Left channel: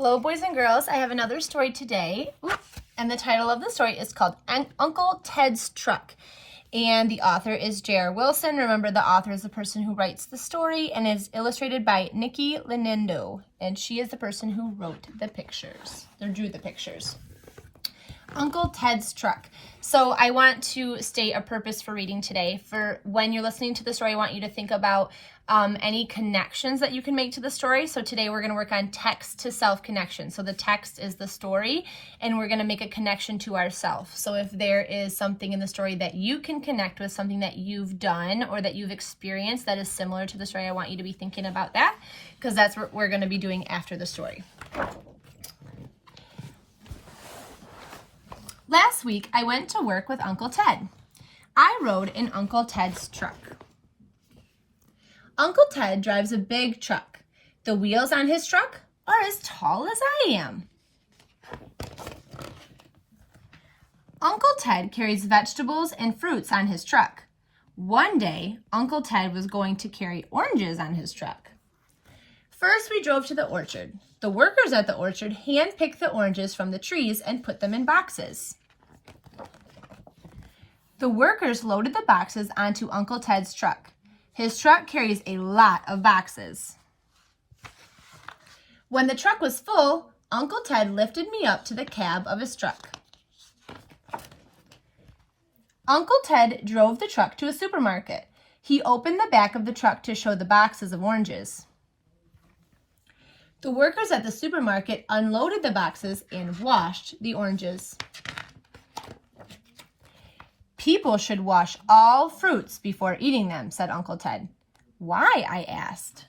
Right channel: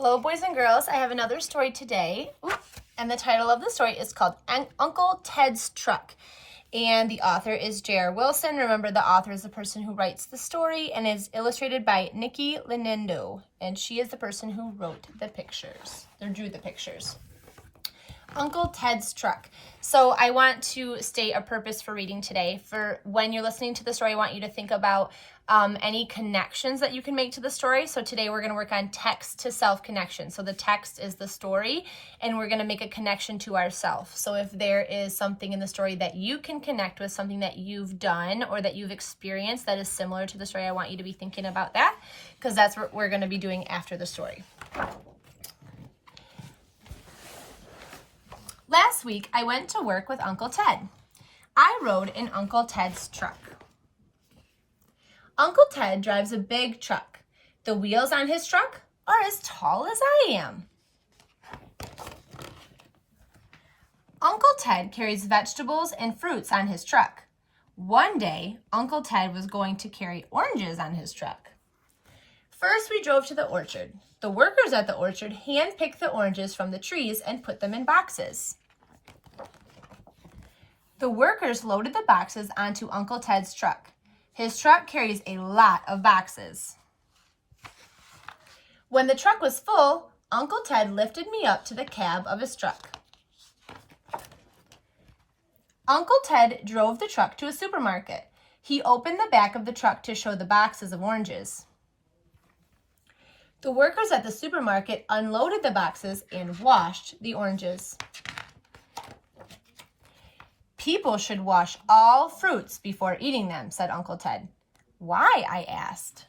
Hello, boys and girls. I have another story today, and the title of the story is called Uncle Ted's Truck, and the author is J.R. Wilson. Remember, the author is the person who writes the story and is illustrated by Nikki Lenindo, and she is the person who wrote the pictures, or drew the pictures. Uncle Ted's Truck. So I want to state a purpose for reading today. For when you're listening to the story, I want you to think about any connections that you can make to the story. So today we're going to work on text to self connection. So the text is the story, and we're going to make a connection to ourself. So if there is something in the story that you can connect with, something that you've done or that you've experienced that is similar to the story, I want you to be thinking about that, because that's what we're going to be doing after the story. Last week, I went to work with Uncle Ted. I rode in Uncle Ted's truck. Uncle Ted drives a big truck. The wheels on his truck are as tall as I am. Uncle Ted carries vegetables and fruits on his truck. One day, Uncle Ted was going to carry oranges on his truck. First, we drove to the orchard. The workers at the orchard hand-picked the oranges from the trees and put them in boxes. The workers loaded the boxes onto Uncle Ted's truck. His truck carries a lot of boxes. When the truck was full, Uncle Ted lifted me up to the cab of his truck. Uncle Ted drove the truck to a supermarket. He opened the back of the truck to show the boxes of oranges. The workers at the supermarket unloaded the boxes and washed the oranges. People should wash all fruits before eating them, said Uncle Ted. Why? I asked.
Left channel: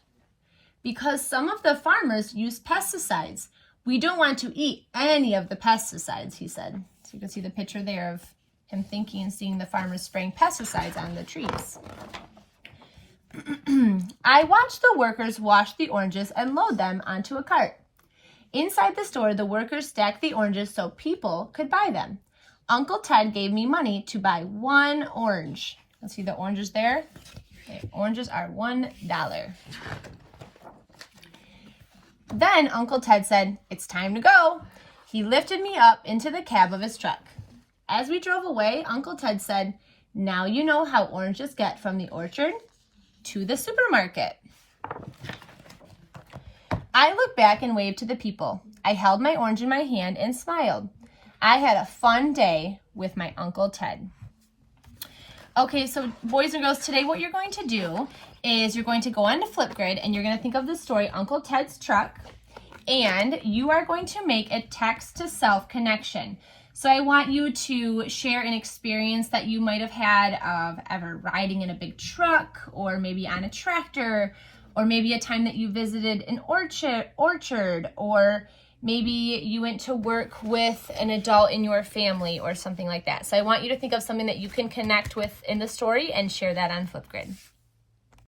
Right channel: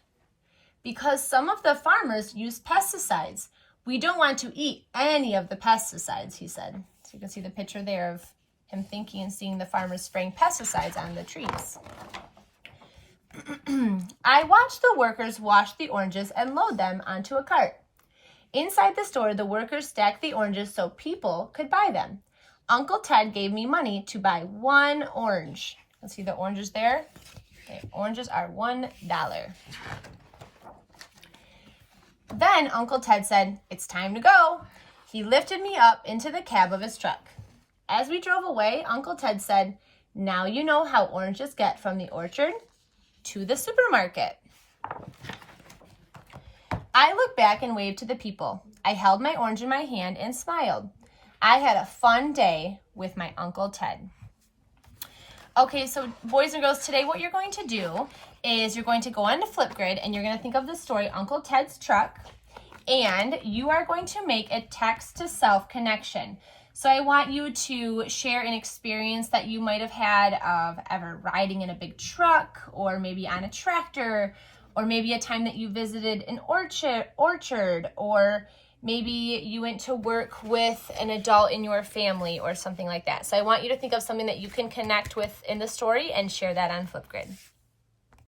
Because some of the farmers use pesticides. We don't want to eat any of the pesticides, he said. So you can see the picture there of him thinking and seeing the farmers spraying pesticides on the trees. I watched the workers wash the oranges and load them onto a cart. Inside the store, the workers stacked the oranges so people could buy them. Uncle Ted gave me money to buy one orange. Let's see the oranges there. Okay, oranges are $1. Then Uncle Ted said, "It's time to go." He lifted me up into the cab of his truck. As we drove away, Uncle Ted said, "Now you know how oranges get from the orchard to the supermarket." I looked back and waved to the people. I held my orange in my hand and smiled. I had a fun day with my Uncle Ted. Okay, so boys and girls, today what you're going to do is you're going to go on to Flipgrid and you're going to think of the story Uncle Ted's Truck, and you are going to make a text to self connection. So I want you to share an experience that you might have had of ever riding in a big truck, or maybe on a tractor, or maybe a time that you visited an orchard, or maybe you went to work with an adult in your family or something like that. So I want you to think of something that you can connect with in the story and share that on Flipgrid.